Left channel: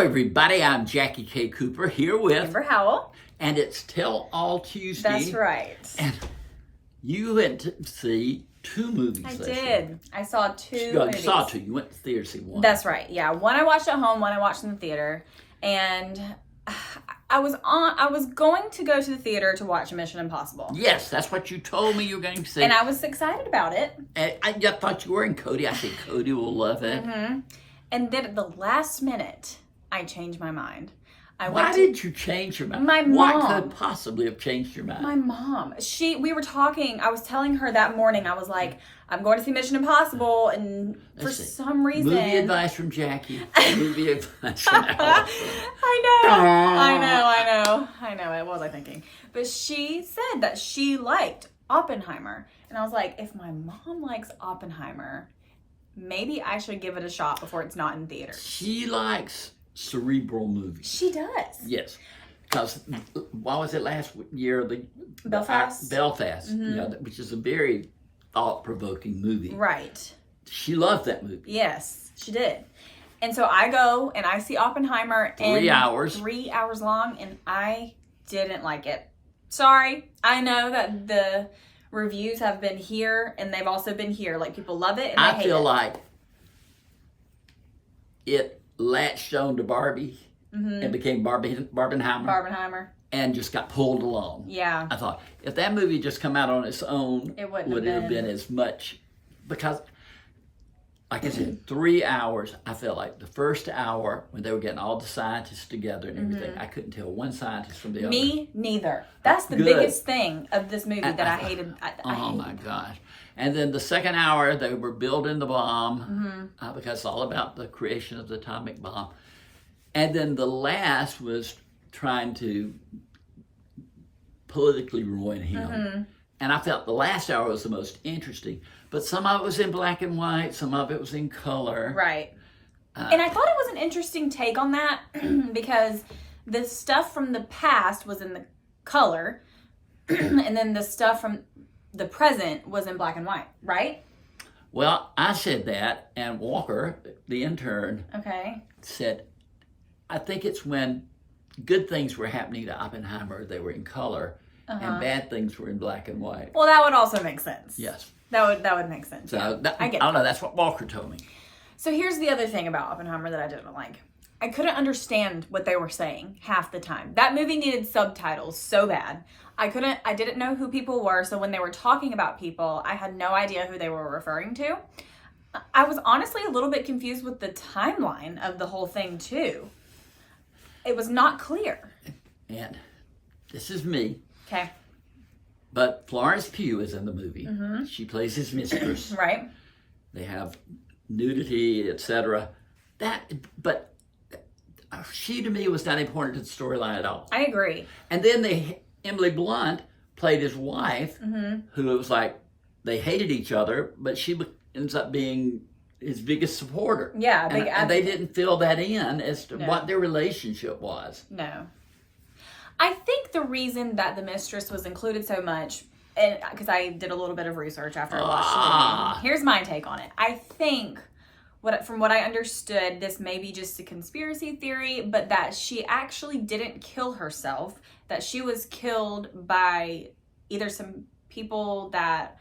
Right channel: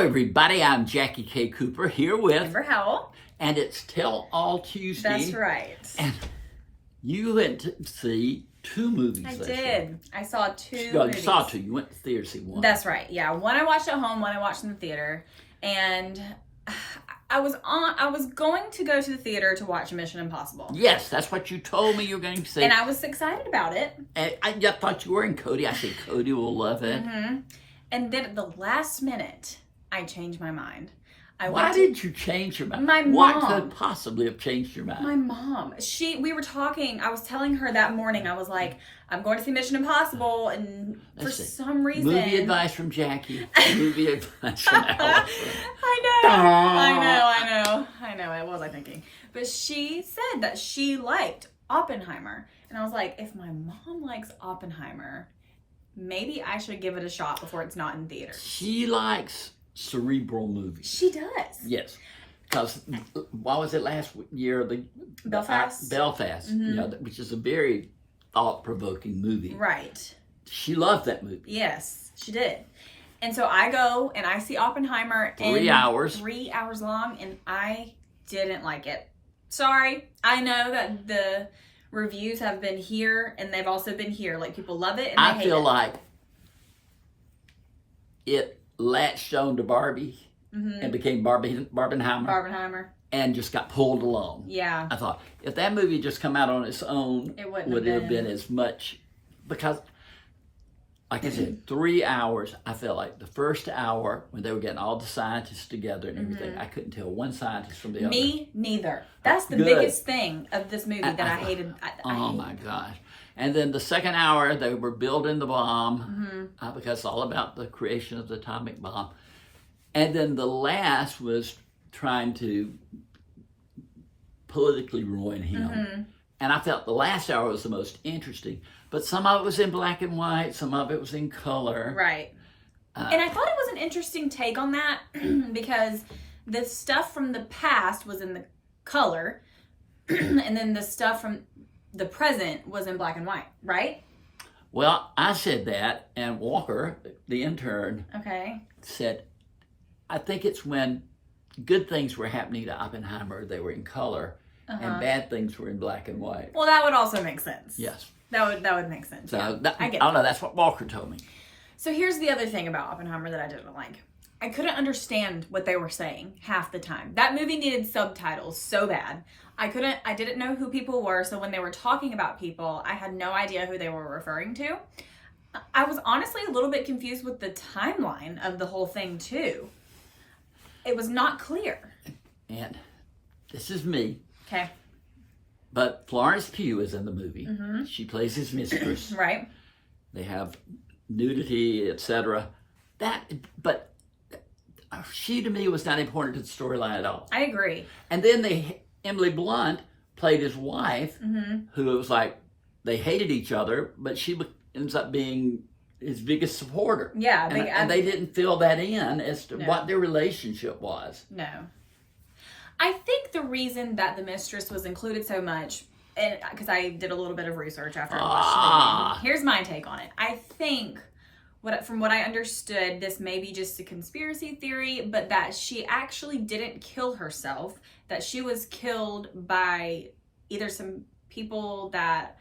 everybody. I'm Jackie K. Cooper here with Amber Howell. And it's Tell All Tuesday. That's right. And you went to see two movies. I this did. year. I saw two. No, you movies. saw two. You went to the theater to see one. That's right. Yeah, one I watched at home, one I watched in the theater, and I was going to go to the theater to watch Mission Impossible. Yes, that's what you told me you were going to see. And I was excited about it. And I thought you were in Cody. I said Cody will love it. Mm-hmm. And then at the last minute, I changed my mind. Why did you change your mind? My What mom. could possibly have changed your mind? My mom. We were talking. I was telling her that morning. I was like, I'm going to see Mission Impossible, and for some reason, Movie advice from Jackie. Movie advice from Al. I know. What was I thinking? But she said that she liked Oppenheimer, and I was like, if my mom likes Oppenheimer, maybe I should give it a shot before it's not in theaters. She likes cerebral movies. She does. Yes. Because, what was it last year? Belfast. Belfast, Mm-hmm. which is a very thought-provoking movie. Right. She loved that movie. Yes, she did. And so I go and I see Oppenheimer. 3 hours. 3 hours long, and I didn't like it. Sorry. I know that the reviews have been here, and they've also been here. Like, people love it, and they I hate feel it. like it latched on to Barbie and became Barbenheimer and just got pulled along. Yeah. I thought, if that movie had just come out on its own, would it have been as much? Because, like I said, 3 hours, I felt like the first hour, when they were getting all the scientists together and everything, I couldn't tell one scientist from the other. Me neither. That's the Good. biggest thing of this movie that I hated. Oh my gosh. And then the second hour, they were building the bomb because it's all about the creation of the atomic bomb. And then the last was trying to politically ruin him. And I felt the last hour was the most interesting. But some of it was in black and white, some of it was in color. Right. And I thought it was an interesting take on that because the stuff from the past was in the color and then the stuff from the present was in black and white, right? Well, I said that, and Walker, the intern, said, I think it's when good things were happening to Oppenheimer, they were in color, and bad things were in black and white. Well, that would also make sense. Yes. That would make sense. So I don't know, that's what Walker told me. So here's the other thing about Oppenheimer that I didn't like. I couldn't understand what they were saying half the time. That movie needed subtitles so bad. I didn't know who people were, so when they were talking about people, I had no idea who they were referring to. I was honestly a little bit confused with the timeline of the whole thing too. It was not clear. And this is me. Okay. But Florence Pugh is in the movie. She plays his mistress. Right. They have nudity, etc. But she to me was not important to the storyline at all. I agree. And then Emily Blunt played his wife, who was like, they hated each other, but she ends up being his biggest supporter. Yeah. And they didn't fill that in as to what their relationship was. No. I think the reason that the mistress was included so much, and because I did a little bit of research after I watched the movie, here's my take on it. I think, from what I understood, this may be just a conspiracy theory, but that she actually didn't kill herself, that she was killed by either some people that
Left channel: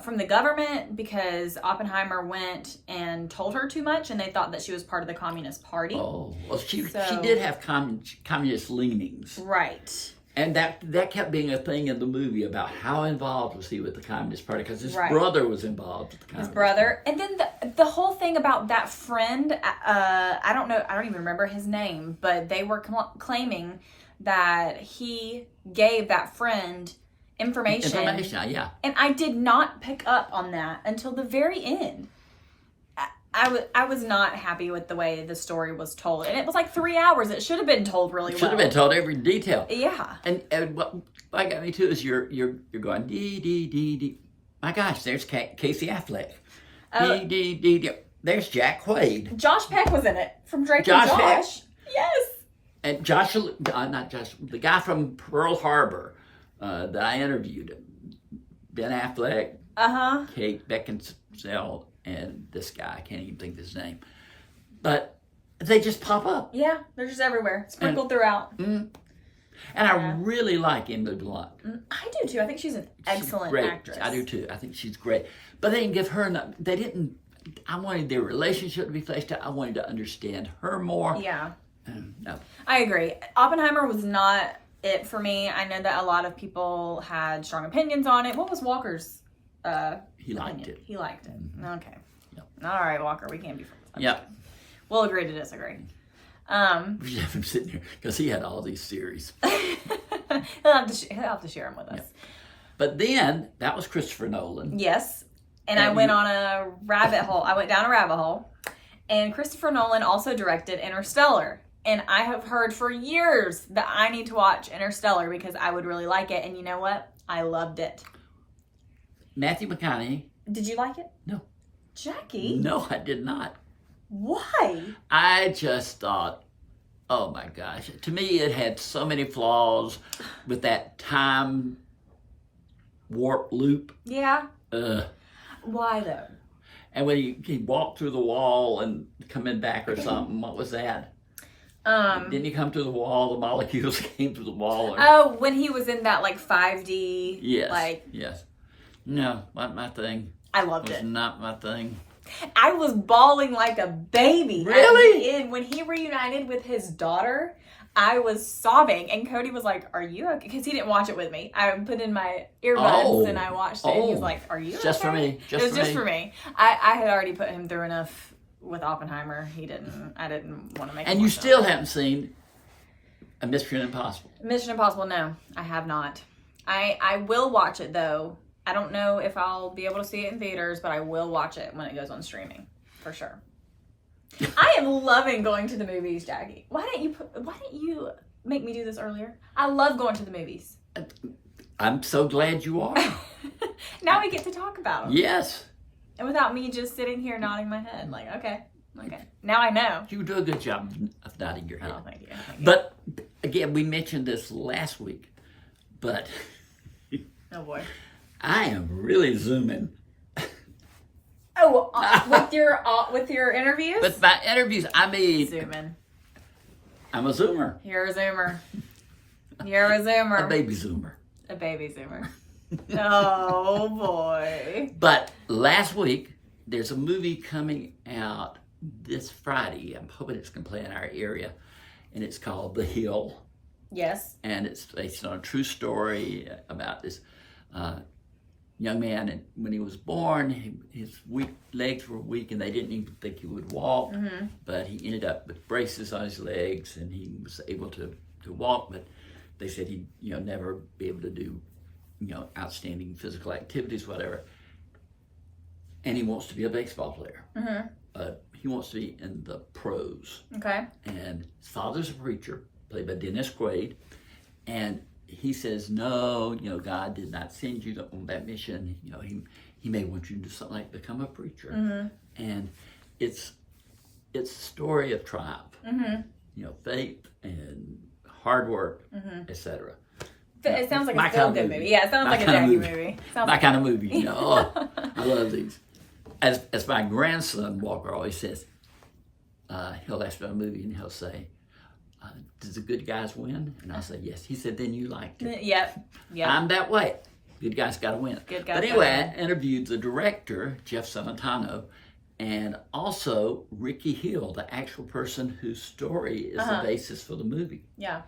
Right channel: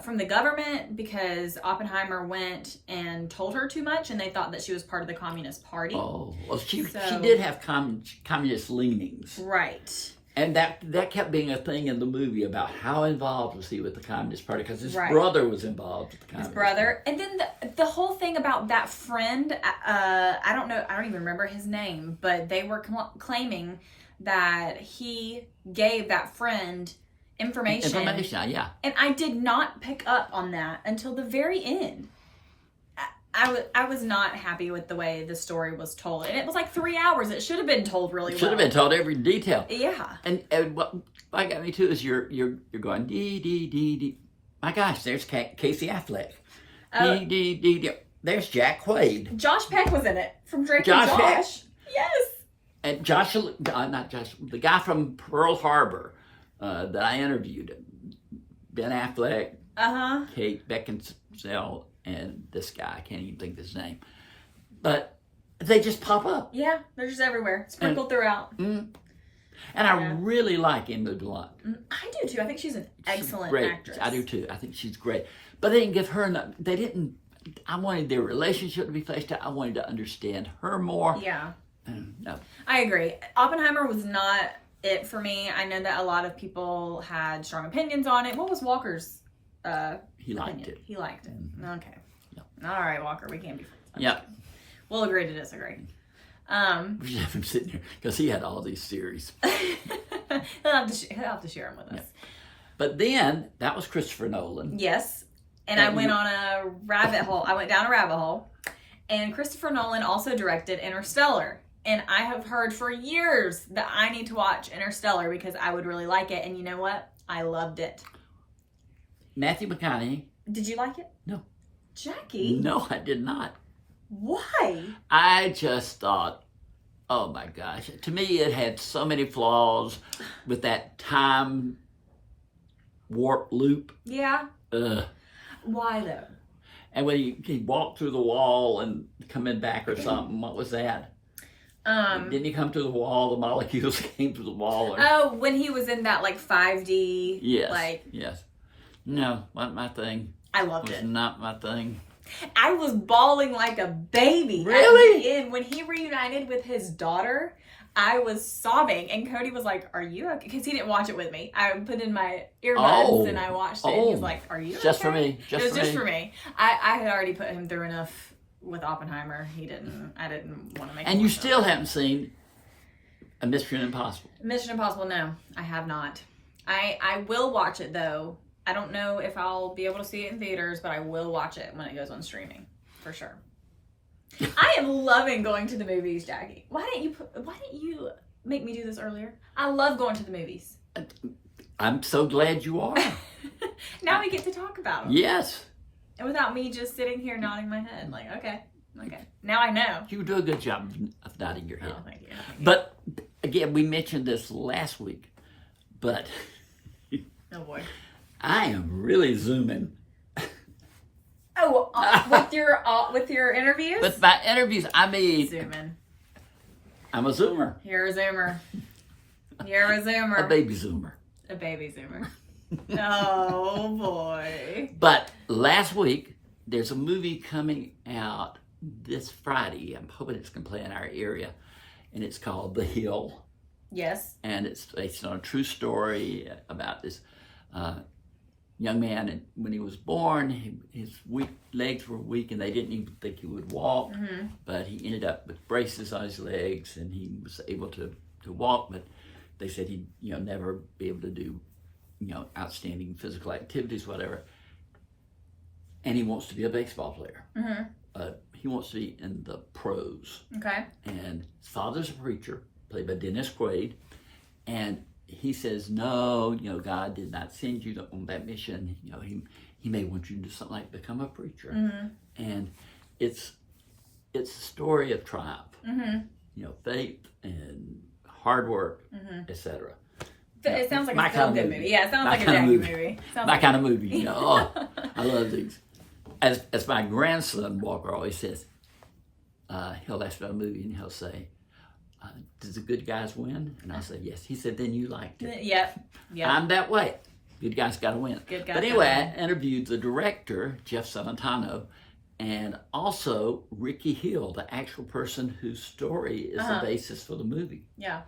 from the government, because Oppenheimer went and told her too much and they thought that she was part of the Communist Party. Oh, well, she did have communist leanings. Right. And that kept being a thing in the movie about how involved was he with the Communist Party, because his brother was involved with the Communist Party. And then the whole thing about that friend, I don't even remember his name, but they were claiming that he gave that friend information, yeah. And I did not pick up on that until the very end. I was not happy with the way the story was told. And it was like 3 hours. It should have been told really well. Should have been told every detail. Yeah. And what got me too is you're going dee dee dee dee. My gosh, there's Casey Affleck. Dee dee dee dee. There's Jack Quaid. Josh Peck was in it from Drake and Josh. Peck. Yes. And not Josh, the guy from Pearl Harbor that I interviewed, Ben Affleck, Kate Beckinsale, and this guy, I can't even think of his name. But They just pop up. Yeah, they're just everywhere, sprinkled throughout. And I really like Emily Blunt. I do too. I think she's an excellent great actress. I do too. I think she's great. But they didn't give her enough. They didn't. I wanted their relationship to be fleshed out. I wanted to understand her more. Yeah. No. I agree. Oppenheimer was not it for me. I know that a lot of people had strong opinions on it. What was Walker's He liked it. He liked it. Okay. Yep. All right, Walker. We can't be friends. Yep. We'll agree to disagree. We should have him sitting here because he had all these theories. he'll have to share them with us. Yep. But then that was Christopher Nolan. Yes. And I went on a rabbit hole. I went down a rabbit hole. And Christopher Nolan also directed Interstellar. And I have heard for years that I need to watch Interstellar because I would really like it. And you know what? I loved it. Matthew McConaughey. Did you like it? No. Jackie? No, I did not. Why? I just thought, oh my gosh. To me, it had so many flaws with that time warp loop. Yeah. Why though? And when he walked through the wall and coming back or something, what was that? Didn't he come through the wall? The molecules came through the wall. Oh, when he was in that like 5D. Yes. Yes. No, not my thing. I loved it. Was not my thing. I was bawling like a baby. Really? And when he reunited with his daughter, I was sobbing. And Cody was like, "Are you okay?" Because he didn't watch it with me. I put in my earbuds and I watched it. And he's like, "Are you just okay?" for me. Just for me. I had already put him through enough with Oppenheimer. He didn't. I didn't want to make. And you still haven't seen a Mission Impossible? Mission Impossible? No, I have not. I will watch it though. I don't know if I'll be able to see it in theaters, but I will watch it when it goes on streaming, for sure. I am loving going to the movies, Jackie. Why didn't you make me do this earlier? I love going to the movies. I'm so glad you are. Now we get to talk about them. Yes. And without me just sitting here nodding my head, like, okay. Now I know. You do a good job of nodding your head. Oh, thank you. But again, we mentioned this last week, but Oh boy. I am really zooming. Oh, with your interviews? With my interviews, I mean, zooming. I'm a zoomer. You're a zoomer. You're a zoomer. A baby zoomer. A baby zoomer. Oh boy. But last week, there's a movie coming out this Friday. I'm hoping it's going to play in our area. And it's called The Hill. Yes. And it's based on a true story about this young man. And when he was born, his legs were weak and they didn't even think he would walk. Mm-hmm. But he ended up with braces on his legs and he was able to walk. But they said he'd never be able to do outstanding physical activities, whatever. And he wants to be a baseball player. Mm-hmm. He wants to be in the pros. Okay. And his father's a preacher, played by Dennis Quaid. And he says, no, God did not send you on that mission. He may want you to do something like become a preacher. Mm-hmm. And it's a story of triumph. Mm-hmm. Faith and hard work, etc. So it sounds like a feel-good movie. Yeah, it sounds like a Jackie movie. My kind of movie. I love these. As my grandson Walker always says, he'll ask about a movie and he'll say, does the good guys win? And I'll say, yes. He said, then you liked it. Yep. I'm that way. Good guys got to win. But anyway, I interviewed the director, Jeff Salentano, and also Ricky Hill, the actual person whose story is the basis for the movie. Yeah.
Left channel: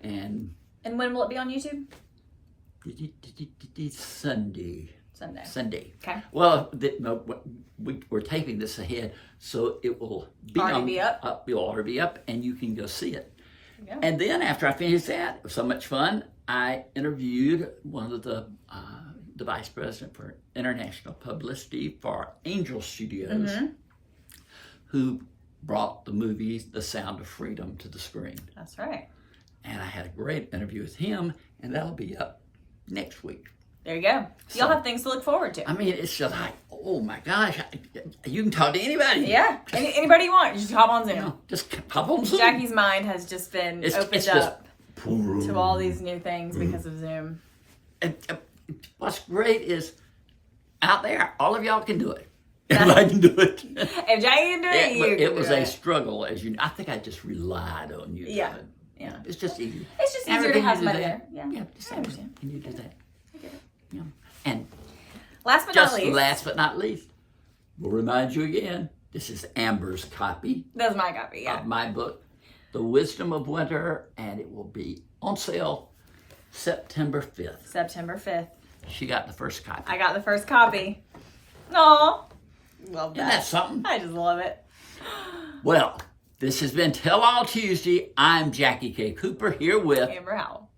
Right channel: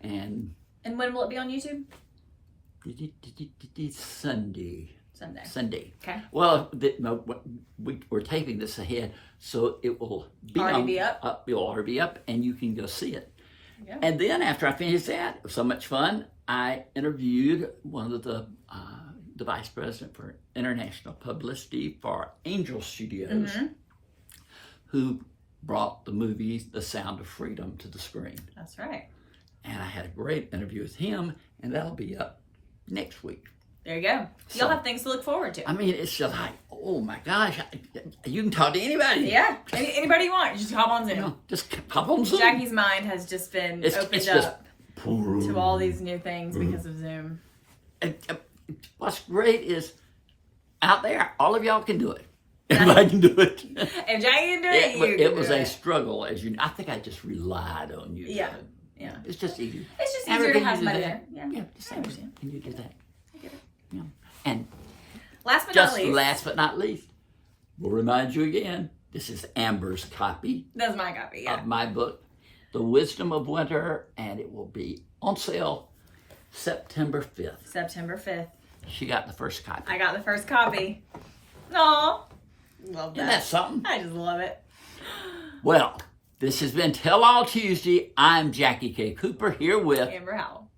And when will it be on YouTube? Sunday. Okay. Well, we're taping this ahead, so it will be up. It'll already be up, and you can go see it. Yeah. And then after I finished that, it was so much fun. I interviewed one of the vice president for international publicity for Angel Studios, who brought the movie The Sound of Freedom to the screen. That's right. And I had a great interview with him, and that'll be up next week. There you go. You'll have things to look forward to. I mean, it's just like, oh my gosh, you can talk to anybody. Yeah, anybody you want. Just hop on Zoom. Just hop on Zoom. Jackie's mind has just been opened up to all these new things because of Zoom. And what's great is out there, all of y'all can do it. If I can do it. If Jackie can do it, you It was do a struggle, as you know. I think I just relied on you. Yeah. Yeah. It's just easier. It's just Amber, easier to can have you do somebody that? there. Yeah, just Amber, can you do that? Yeah. And last but not least, we'll remind you again, this is Amber's copy. That's my copy, Of my book, The Wisdom of Winter, and it will be on sale September 5th. September 5th. She got the first copy. I got the first copy. Aw. Love that. Isn't that something? I just love it. Well, this has been Tell All Tuesday. I'm Jackie K. Cooper here with Amber Howell.